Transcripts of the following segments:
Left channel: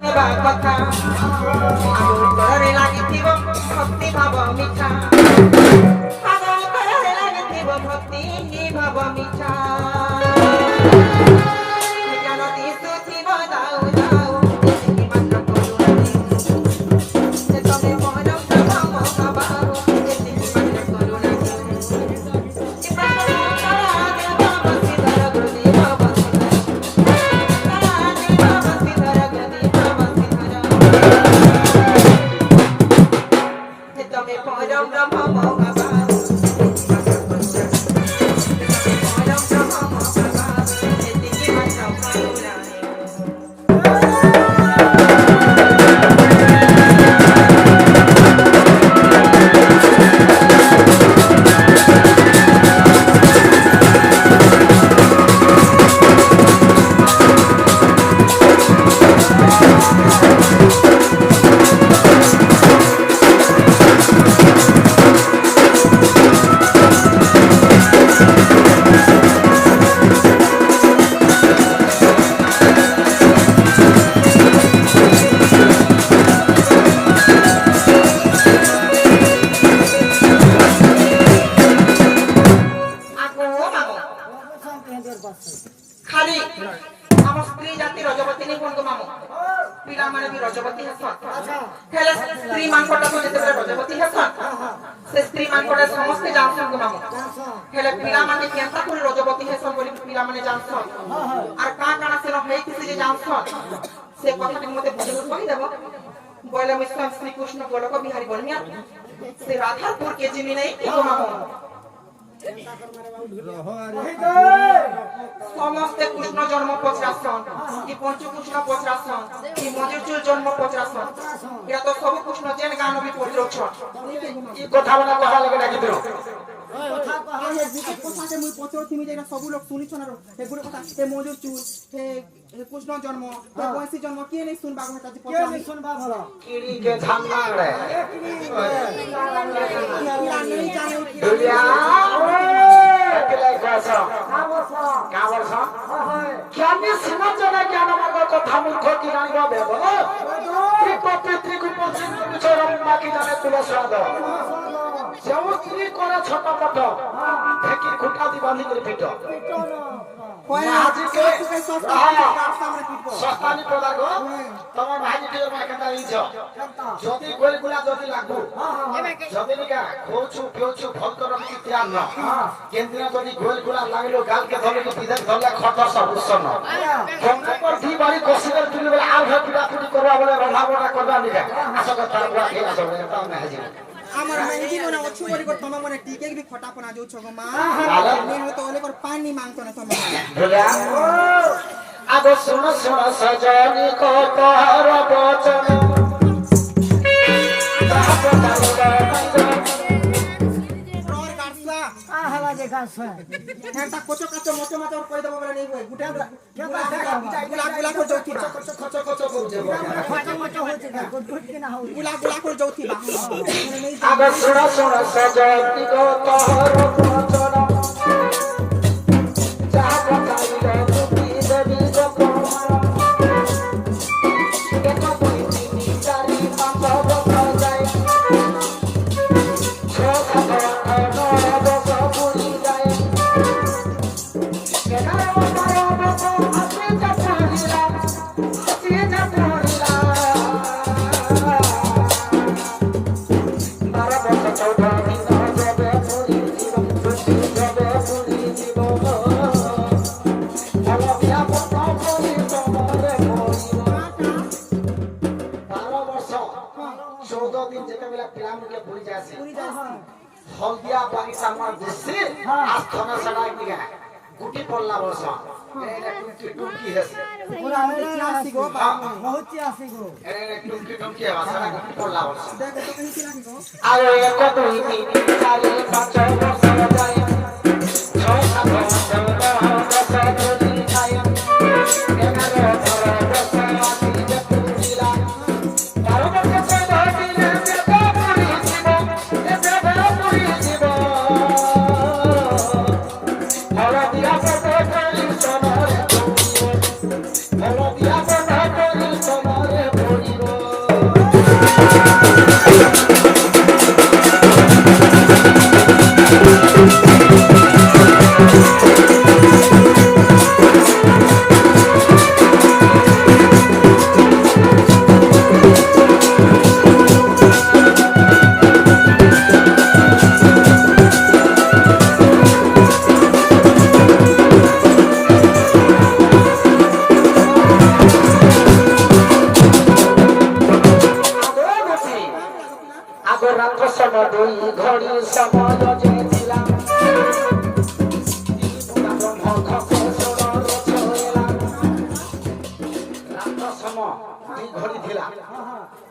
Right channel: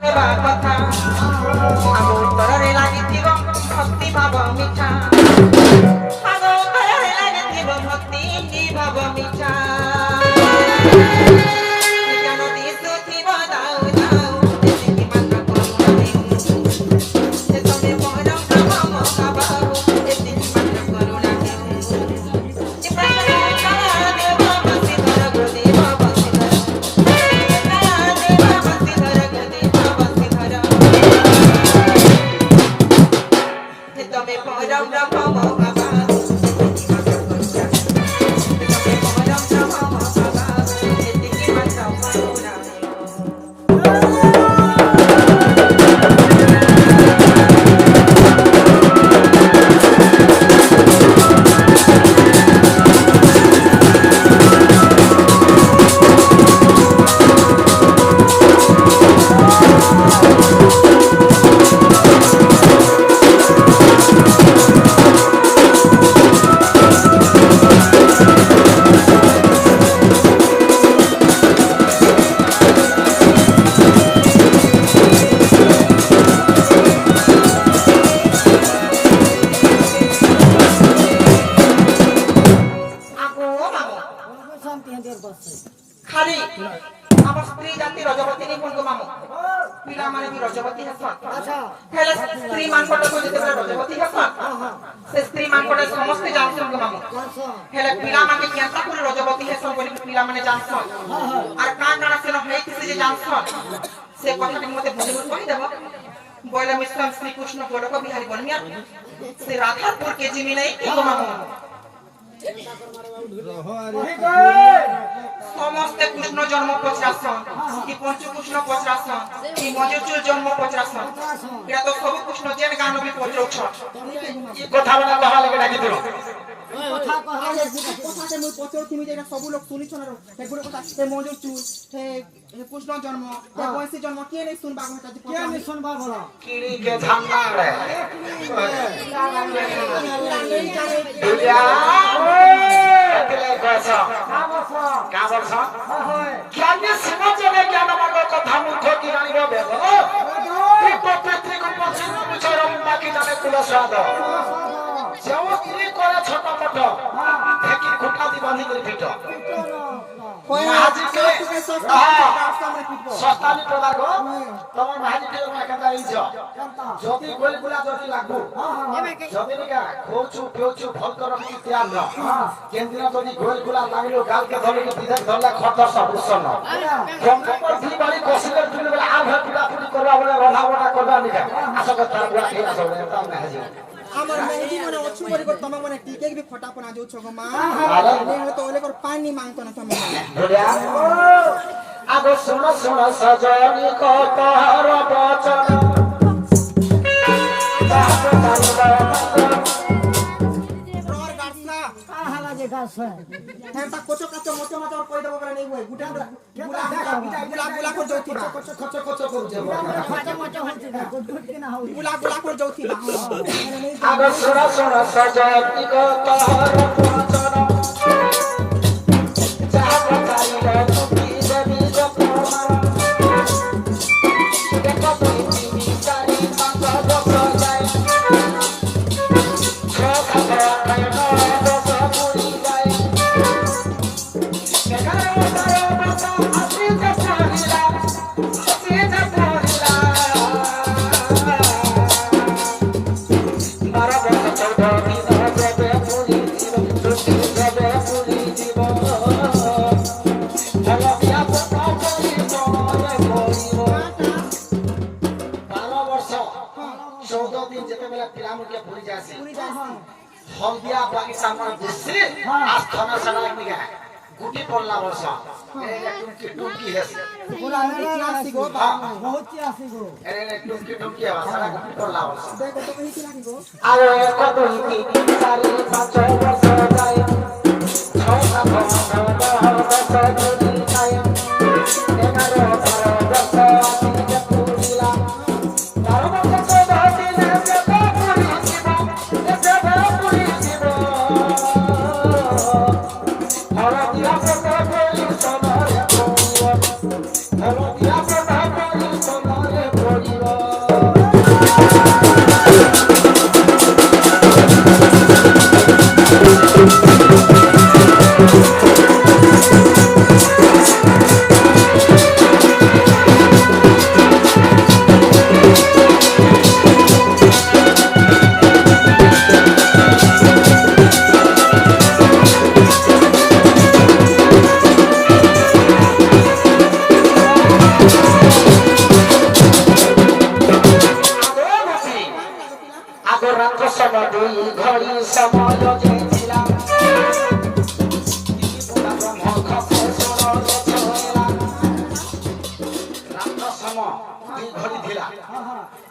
ହେବା କଥା ଆମ ଉତ୍ତରରେ ଲାଗିଥିବ ଭକ୍ତି ଭାବ ମିଠା ଆମ ଉତ୍ତରରେ ଲାଗିଥିବ ଭକ୍ତି ଭାବ ମିଠା ଜ୍ଞାନ ଦିଶୁଥିବ ଯାଉ ଯାଉ ଏତିକି ମାତ୍ର କରୁଣା ସେ ତମେ ମୋର ମୋ ବାବା ଏତିକି ମାତ୍ର କରୁଣା ଖାଲି ଆମ ସ୍ତ୍ରୀ ଜାତି ରଜବତୀ ନି ହୁଅନ୍ତୁ ମାମୁ ପିଲାମାନେ ବି ରଜବତୀ ହେସନ୍ ହେଲେ ସ୍ତ୍ରୀ ମାଙ୍କଟାକୁ ଯେତେବେଳେ ରଜବତୀ ହେସନ୍ ସେ ସ୍ତ୍ରୀ ମାଙ୍କଟା ସମସ୍ତେ ଜାଣସନ୍ ମାମୁ ହେଲେ ପିଲାମାନେ କେନ୍ତା କରି ରଜବତୀ ହେସନ୍ ବୋଲି ପିଲାମାନେ ଜାଣସନ୍ আর କାଣା ସେନ ହେଇଥିସି ଯେ ଜାଣସନ୍ ସେ କଥାଟି ମତେ ବୁଝେଇ କହିଦେବ ବୋଇଲେ ମିଶ୍ର ଶ୍ରୀକୃଷ୍ଣ ଗୋଲକ ବିହାରୀ ବନିଆ ସେ ରାଧାପୁର କେ ଜିମି নাই কি মামু সমস্ত কৃষ্ণ জন্ম পচরাসন কি পঞ্চ কৃষ্ণ পচরাসন কি মজুচুর জন্ম পচরাসন এটা তো সব কৃষ্ণ জেন গান বি পচরছন এই কথা বলা কহা লাগে লাগি দিও কথা কহা কথাতে মই পচরথিমি যে সব লোক শুনিছন এগুলো কথা এ মজুচুর হে কৃষ্ণ জন্ম এ বৈশী জন্ম কে নেই শুনবা কথা যে কে নেই শুনবা ভলা কিড়ি কে ঝাঙ্গা রে দুলিয়া জ্ঞানী সিনাচনে জ্ঞান মার্গ কথা মূর্খ কি জানিব বেব প্রকৃতিকে বাকি জানে তুলসাদ যেমন স্ত্রী করে ছোট মোট ঢেকি খুঁটা দি বাঁধি করে পিট সস্তানি পড়া গো তোমার ভাই দিয়ে মাকে জানিছ যদি গোলগুলা যদি লাগু যদি নিকা খোচু পিওচু ফলকর কি ধ্যান না কেন্দ্র যদি গোলগুলা লাগলো গালকে ধরে কি বিধান ধরলা খট সব উৎসন্ন কম্পর দি বাড়ি কসিলে তুলে বলে আর ভাত পুরি করবা বলে রন্ধা বড়া করবা নিকা আসলে তার বুয়া খেয়ে আসলে তামনে হাজির আমার মেহেদি মনে অছু বলি কর তমা মনে টিকে বি খটাপনা যাও ছগো মা নে হতো ওলে কর পানি মাংতো না তমা আগো শোনো শোনো সজনি কত হর বচন রোর গাছলা আহলা যে গাছলা হেটা কচো কচো মোটো মোটো কই দেব বলে নেই বই গুটা গুলা গুলা করে যাউতি বা কচো কচো কচো করে যাবো কচো মোটো হচ্ছে না গুট গুট কি না হউ গুলা গুলা করে যাউতি বা আগো শোনো শোনো সজনি কত হর বচন হলদিয়া বাগিচা আমার দেশে আজ খানা সানা নিগা গুটি পড়লা বর্ষ এরে টুকি হেছে ওরা এরা আসি গো বহুত আসি গো এরে টুকি সারা গুটি পড়লা বর্ষ দেখো তো কই কি লাগি গো আর কত হিতি 4 5 বর্ষ যায় 6 7 বর্ষ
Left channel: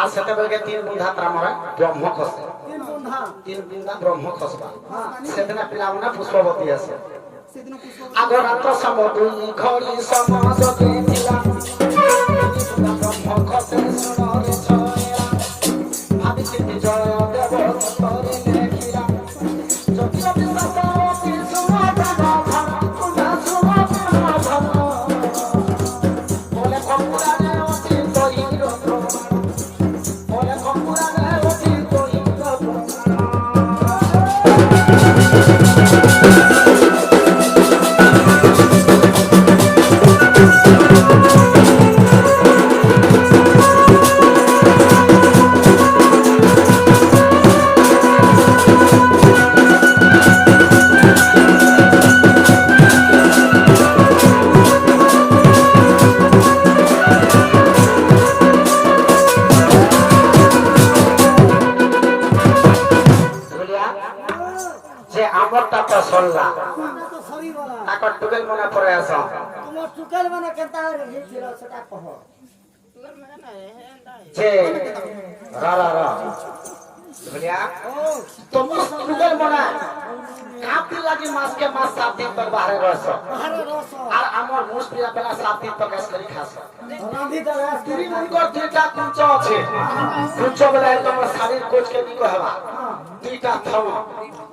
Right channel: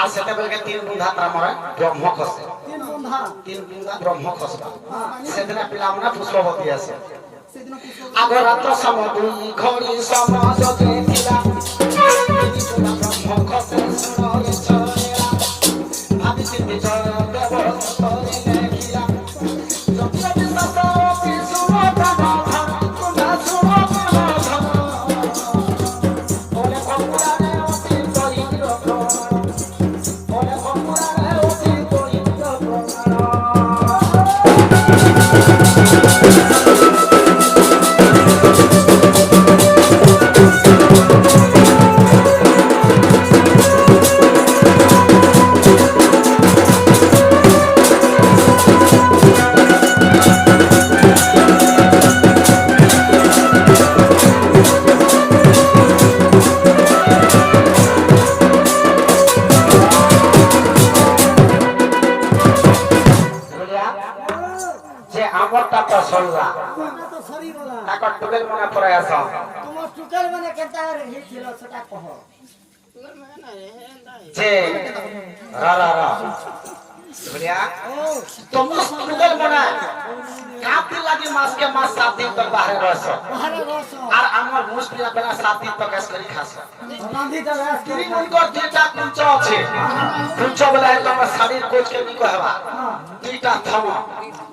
আর সেতেবেলকে তিন বুঁধা তামরা ব্রহ্ম খসে তিন বুঁধা ব্রহ্ম খসবা সেদিন পিলামনে পুষ্পবতী আছে আগ রাত্র সম দুই ঘড়ি সম যদি ଥିଲା ব্রহ্ম খসে সুনরে ছয়লা ভাবিছি বিজয় দেব তরে নেখিলা যদি বিশ্বসারতি সুম প্রাণ ধন কুনা সুম প্রাণ ধন বলে কল্যাণে অতি দরিদ্র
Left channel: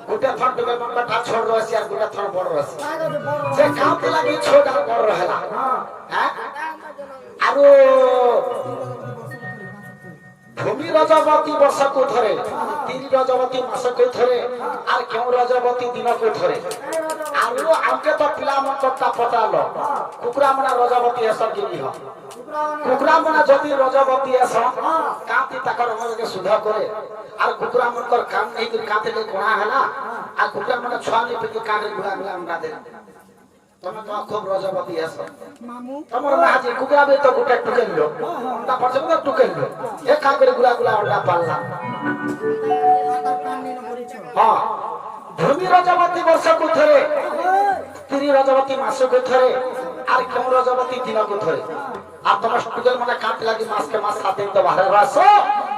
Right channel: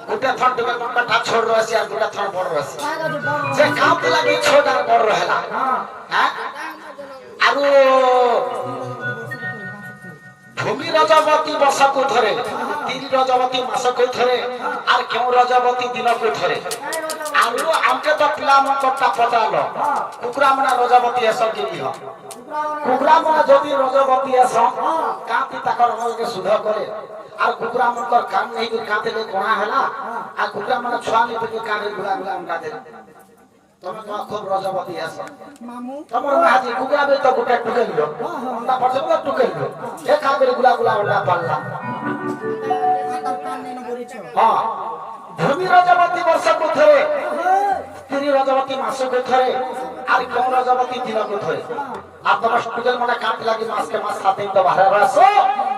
গোটা থন ডুবেল মনটা ছোট রয়েছে আর গোটা থন বড় রয়েছে যে কাউকে লাগি ছোট আর বড় রহেলা হ্যাঁ আর ভূমি রজবতী বর্ষকু ধরে তিন রজবতী মাসকু ধরে আর কেউ রজবতী দিনকু ধরে আর আমকে তো পিলা মনটা পটালো কুকুরা মানে রজবতী এসব জিনি হ কুকুরা মানে যদি রজবতী এস কাঁতি তাকর মনকে শুদ্ধ করে আর কুকুরা মনকর কাম নেই করে কাঁতে লে কোনা হেলা আর কুকুরা মানে ছুয়ানি পেকে কানে ঘুরা ঘুরা আমকা দে তুমি তো খুব রজবতী আছো মামু তোমার মাঝি কুকুরা বে তো গোটা টুকে লিও ওটা পছন্দ টুকে লিও এক কাম করে ঘুরা ঘুরা ওটা পারলাম আর কান নেন বলিছো হ্যাঁ ভূমি রজবতী বর্ষকু ধরে তিরি রজবতী মাসকু ধরে আর কেউ রজবতী দিনকু ধরে আর তোমার টুকেল মানে কাঁতে লাগি মাসকে মাস সাত দিন তো বাহির রাসো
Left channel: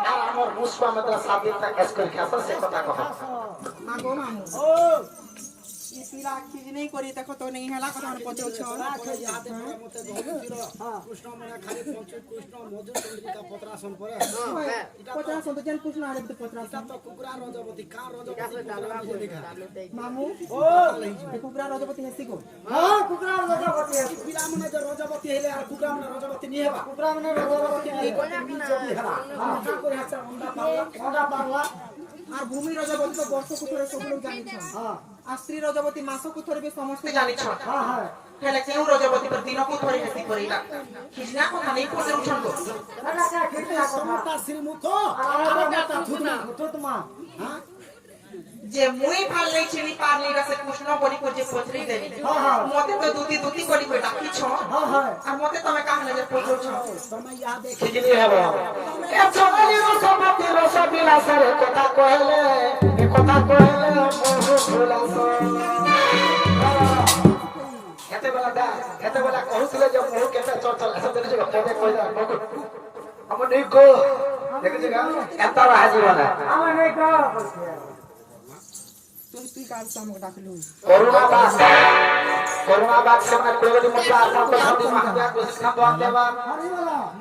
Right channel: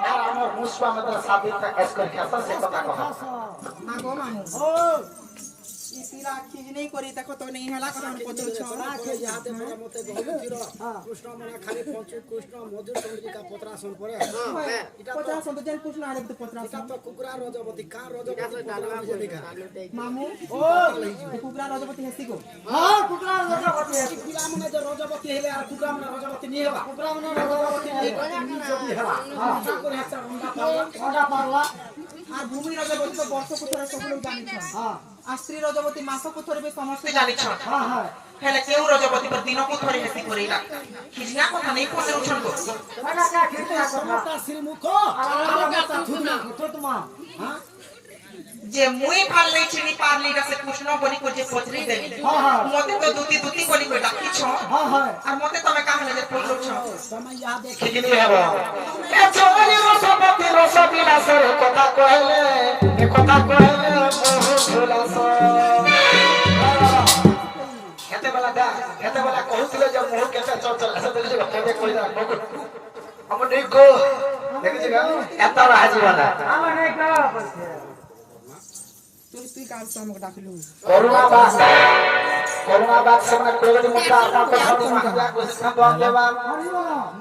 আর আমার মুসবা মধ্যে সাত দিন তা কাজ করে খাসা সে কথা কহ মাগো মামু ও ইতিরা খিজ নেই করি দেখো তো নেই হলা কথা মনে পচছ ইয়াতে পরে মতে বহু ফির কৃষ্ণ মানে খালি পঞ্চ কৃষ্ণ মধু চন্দ্রিকা পত্রাসন পরে এটা পত্রাসন তো যেন কৃষ্ণ আরে পত্রাসন এটা তো কুকুরা রজবতী কা রজবতী পত্রাসন যে দেখা মামু ও কুকুরা রজবতী হেসি গো হ্যাঁ কুকুরা রজবতী হেসি পিলা মানে যে রজবতী হেলে আর কুকুরা মানে রজবতী নি হেবা কুকুরা মানে রজবতী নি যদি হেবা হ্যাঁ করে হেসা ওন্ডা পাওয়া আর ভূমি রজবতী তো বর্ষকু ধরে সকল জানিছন হ্যাঁ আর স্ত্রী রজবতী মাসকু ধরে বে সমস্ত জানিছন হ্যাঁ হ্যাঁ হেলে কেউ রজবতী पर दिनकु धरे हेसि करिला खिजना কথা নেই পছন্দ করছ মানে কে খিজনা কথা শ্রীমুখ আর গাতা থুতমা হ্যাঁ যে মুই পারলে চিনি পারলি রাসে কৃষ্ণ বলি কো যে পছরি দেবি মতে তো দুতি কলি কো ডাকিছ আর মতে তুমি কামলে যে পছরছ তুমি ইয়া দেখি কি হেবা এ চলি রস বিলাসের কথা কইলে এ কথা কইলে বহু ভুলাস এতে বেলা কহুছিলে যে মোহ কেতে চল এসে বলি যে কেতে কইলা আমন নেই গো দেখি গা এত রাজি বানা আমন নেই গো তুই কার সামনে ডাকলু করোনা বাদ সামনে প্রগতি মুক্ত আত্মা को शादी महादेव को शिक्षा तो देवा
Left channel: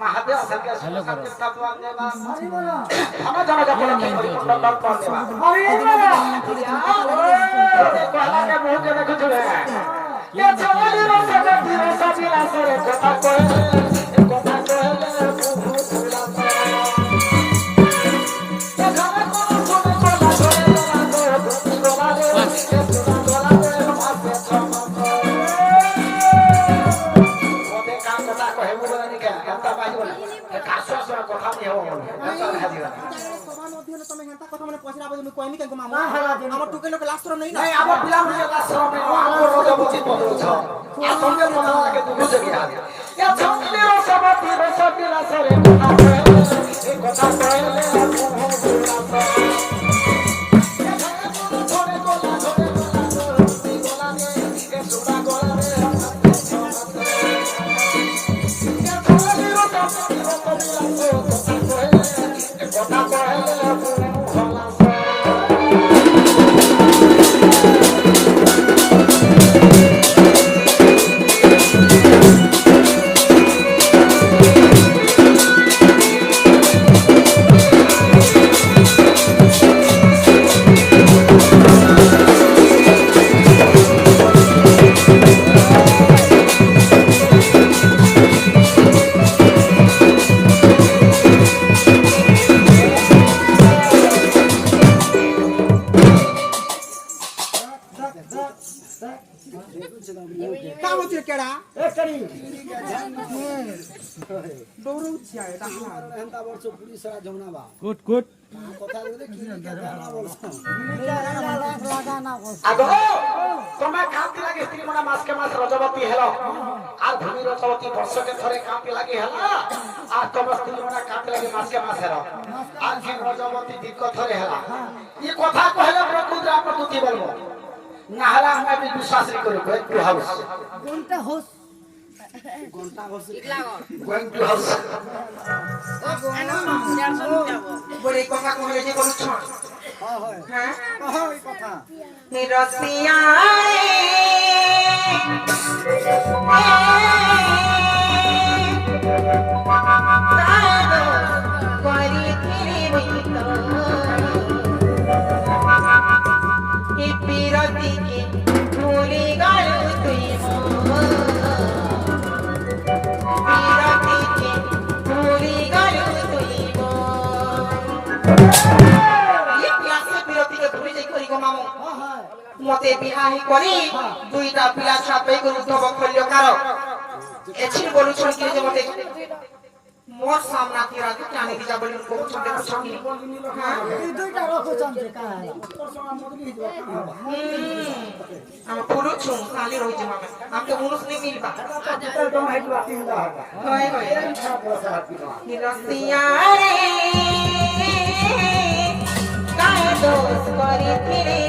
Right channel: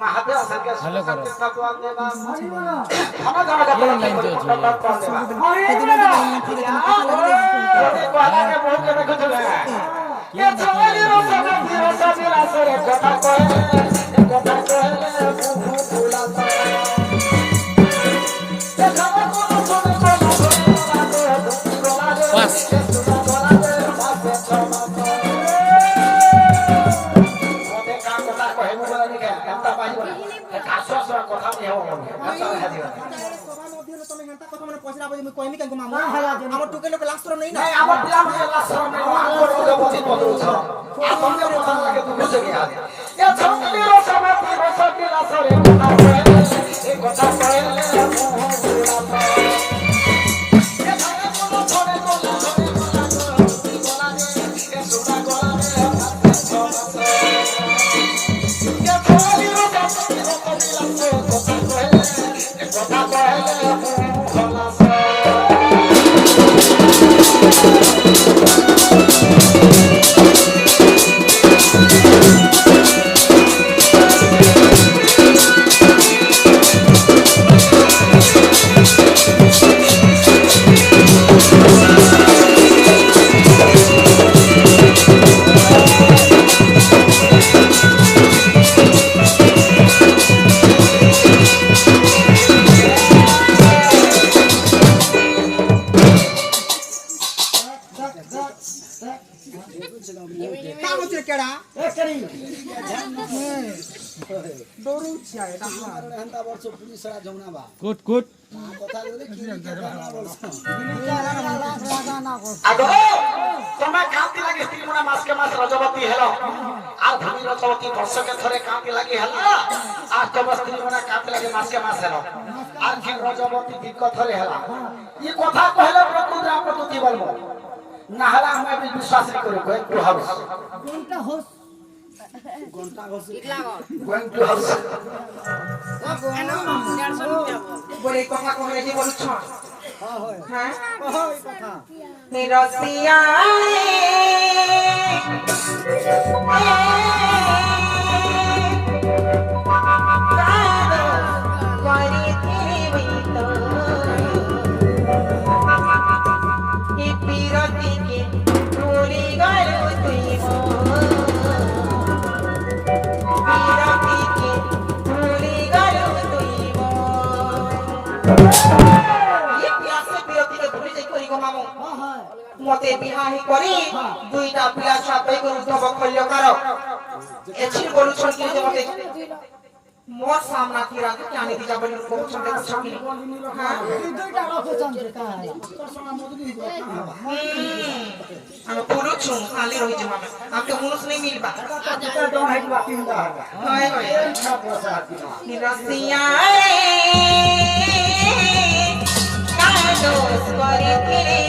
महादेव संख्या शिक्षा तो देवा हम जाना देवा हरि बहुत के देखुले ये चली रोसा बिलासरे কথা কইলে ফুফু ফুলাসা কাশসরা কথা নি হবো কাশা হাজি সভা মধ্যে তুমি হেনতা কথা মানে পয়সা আবো আমি কইনি কেন মামু আমার টুকে লোক লাস্ট নেই না নাই আমার পিলা মুঝে লাস্ট में আমার রজবতী বদল छ এখন যে কথা লাগে তুমি বুঝে গিয়া এ ছকলি রজবতী রজবতী লাসরে কথা কয় এ কথা কয় গুড গুড আগো তোমা কান্তি লাগে স্ত্রী মনে মাসকে মাস রজবতী হেলো আর ধানি রজবতী বর্ষকে ধরে কান্তি লাগি হেলো আর তোমা স্ত্রী মনে কান্তি লাগে মাসকে মাস হেলো আর কি রজবতী দিক ধরে হেলা এই কথা কইলে প্রকৃতি আমরা তো কি বলবো না হলে আমরা বিশ্বাস করি একটু হবে কোনটা হোস going to house বলে কথা কইলে যে বলছ হ্যাঁ ওই কথা রসিয়া মতে বিহাহি করি দুইটা পিলা সাথে করে উদ্ধব করিল কার এছি বলুছন কি যে মতে মোর সামনা তিরা তো জানি দিজা বলি বলুছন দেখছ কি হ্যাঁ দুইটা রকম যে কাজ তোর সঙ্গে মদনি দিবা আমি বলুছু খালি রই যে মানে আপনি মুনুস নেই মিলবা এটা তো হাইবা কি ਹੁੰਦਾ হয় হয় নিরসিয়া রে কাদোস করি ফিরে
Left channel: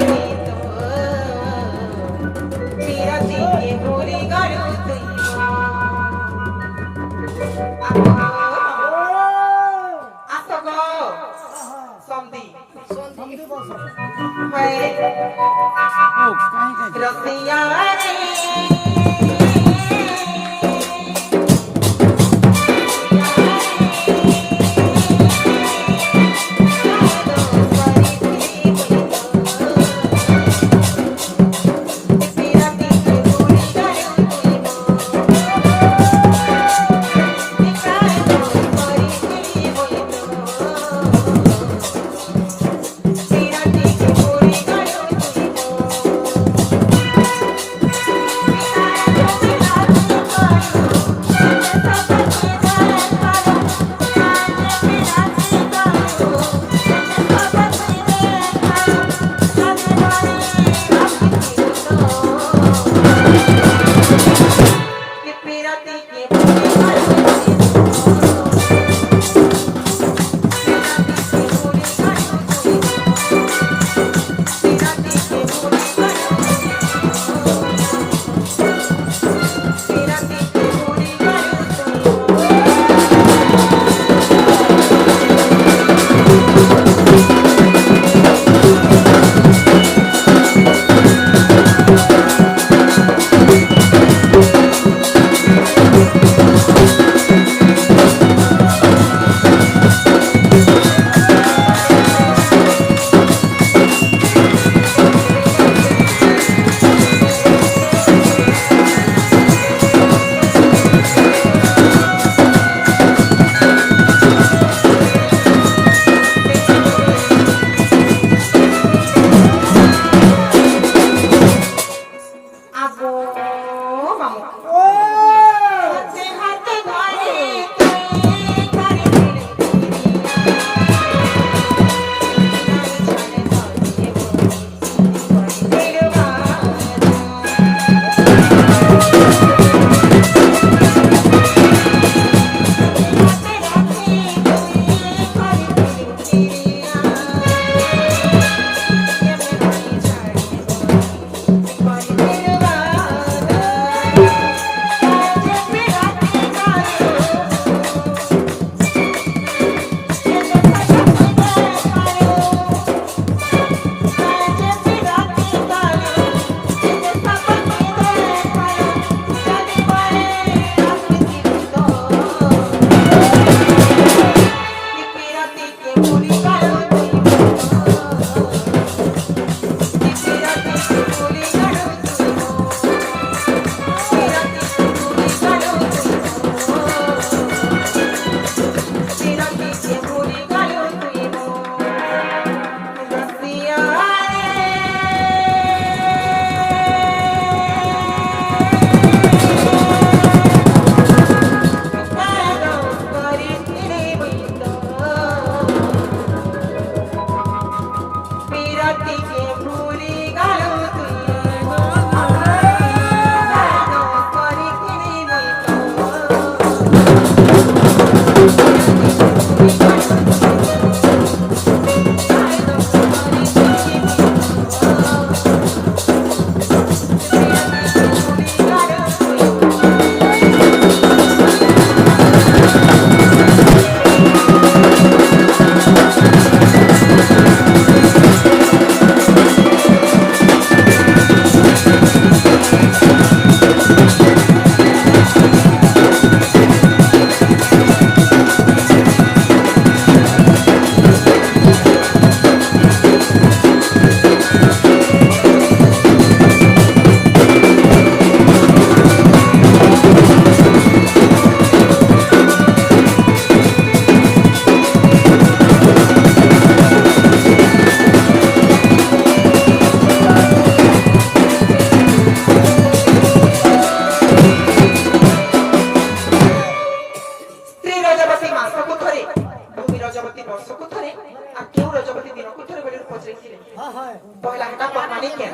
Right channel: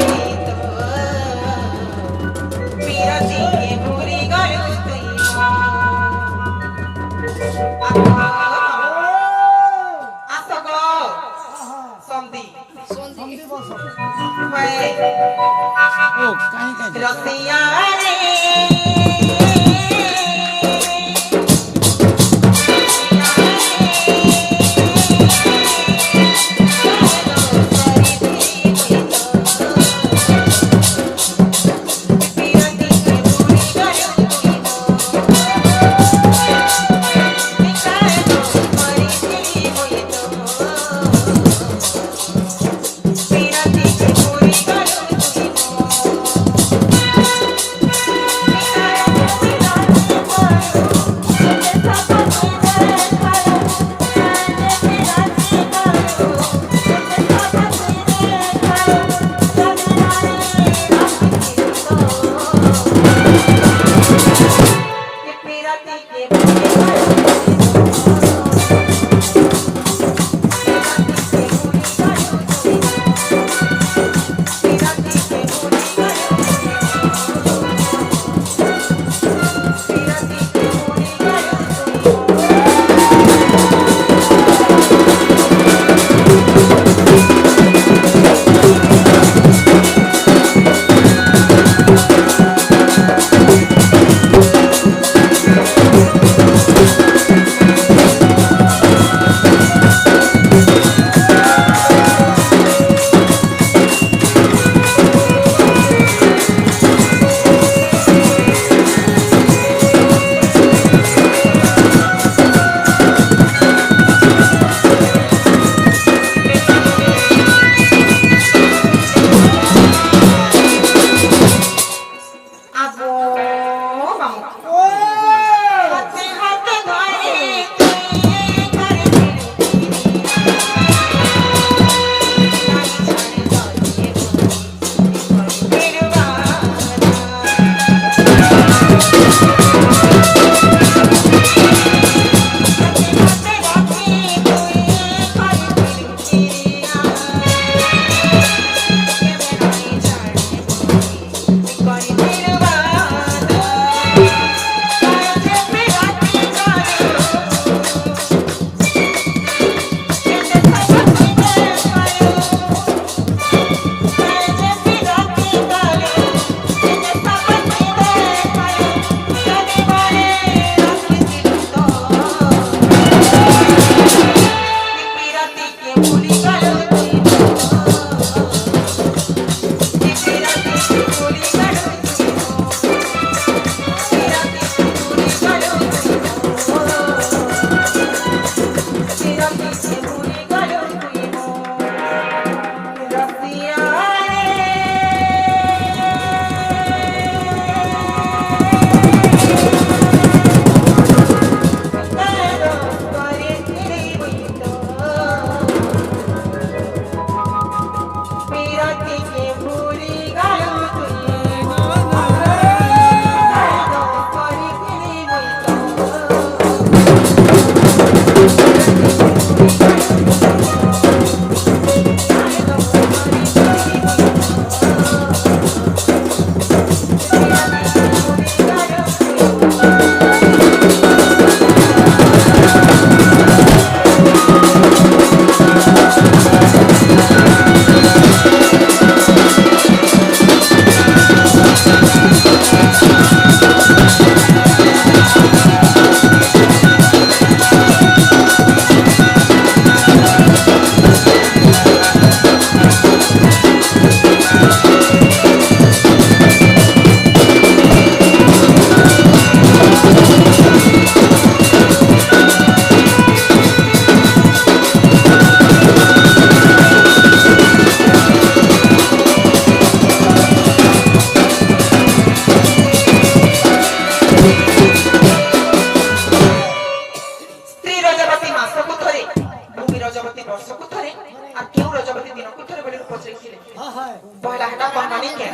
কেন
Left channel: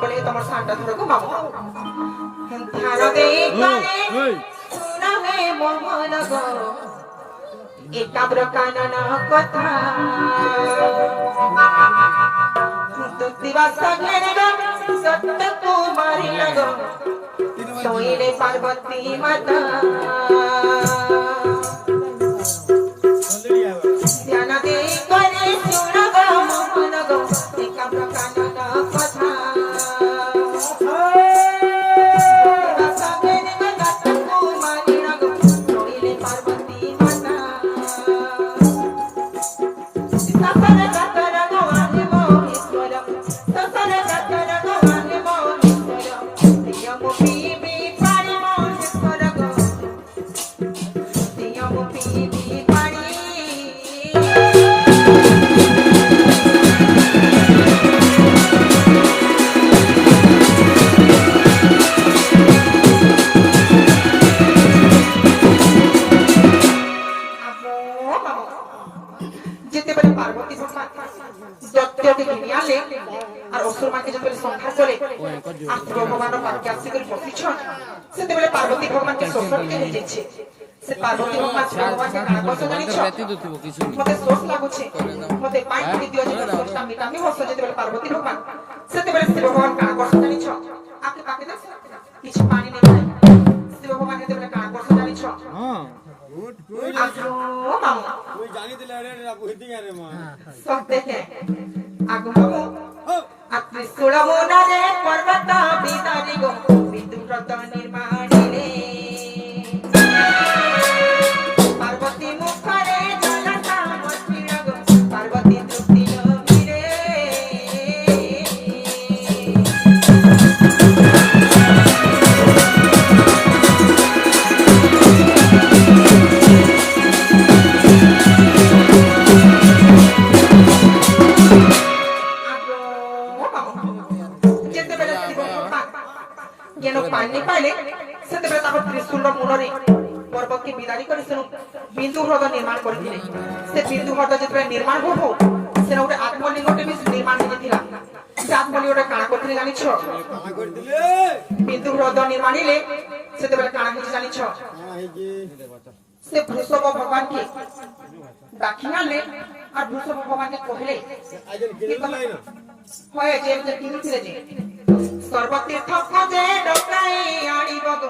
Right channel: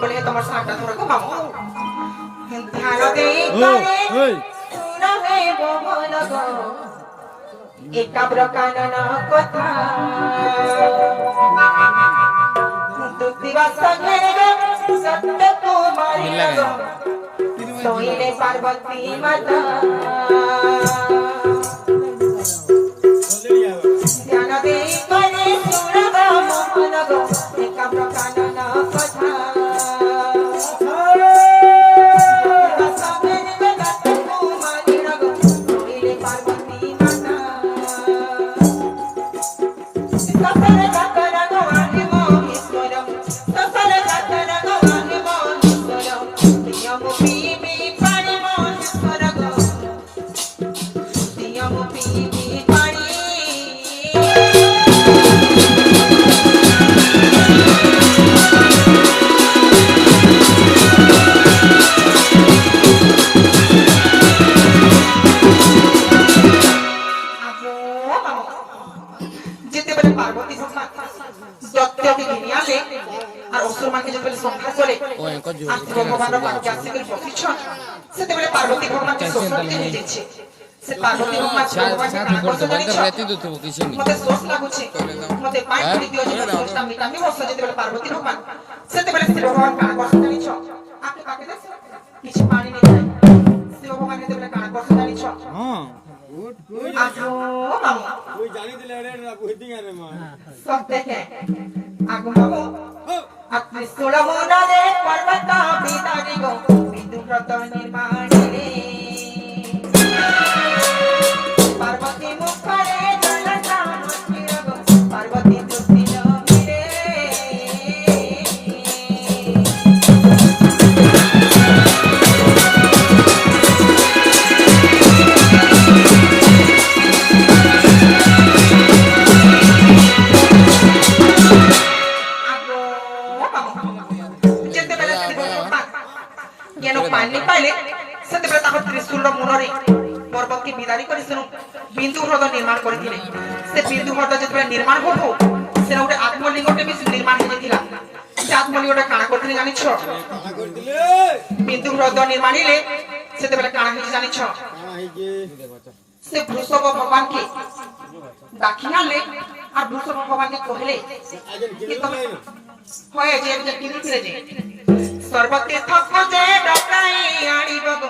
বলে তোমার সামটা ধরে গো মামা ধ্যান দেই করে শুনবে মোহন গো একাব্র কাননা কথা দিবস ঘেরে গো সত্য কুমারী গো सोईले पार्वती माता ध्यान दे करे सुन गो मोहन गो एक प्रकांडना कथा सगेरे गत कुमारी गो सोईले पार्वती माता ससर जाकर गो आगे मोहीश्वरम ससर जाकर गो आगे मोहीश्वरम नियम पीबी पानी मोहीश्वर गो नियम पीबी पानी যেতে পারে পার্বতী ভগবান দত্তকে ঘিরে আলে আর অসুরমাকে যেতে পারে সংখ্যা করে আর ভগবানের পাখি আসতে করে বসিছন সেতে পারে পার্বতী ভগবানকে শ্বশুরকে নিয়ে যাচ্ছে সে পার্বতী ভগবান ভগবানকে কাজ করতে জানিছ মতে সোচ লাগুছে মতে পাই করে দিও যে সোচটা মিটামি বসে যেতে পারে পার্বতী ভগবান সেতে পারে সে ভগবান কাজ করতে জানিছ আপনি পাকে দেন কিছু পানি নেই সে ভগবান যেতে পারে কাজ করতে জানিছ कोई जानी दिला रे ना कोई रे मां सब देखे आगमो अत्रि सोळमोना रे पर्वत बिदारी गो विदुव्रत निर्माणी रे पार्वती मुखरे जलता मस्तिर गो पार्वती तृप्ति लमी रे पानी पाइले सेते बेला ताको त्रिशूल मुनरे पर्वत के बिदारी करे सेनु बिंदु ह्रद निर्माण करथिले से बिंदु ह्रद जेतबे निर्माण होबो सेना उटे आत्मलिंगटे भी निर्माण हो जेतिला से आत्मलिंगटे काना करथिले जानि छ कहा कर दिले बिंदु ह्रद निर्माणिले सेते बेला काना हे जानि छ से वृषभ भगवान के दाखिनाले आ वृषभ भगवान के कहले आजन किने नहीं ना होय जे किनि थिले जे सर्वतीर्थ खोजे डकाई आनिब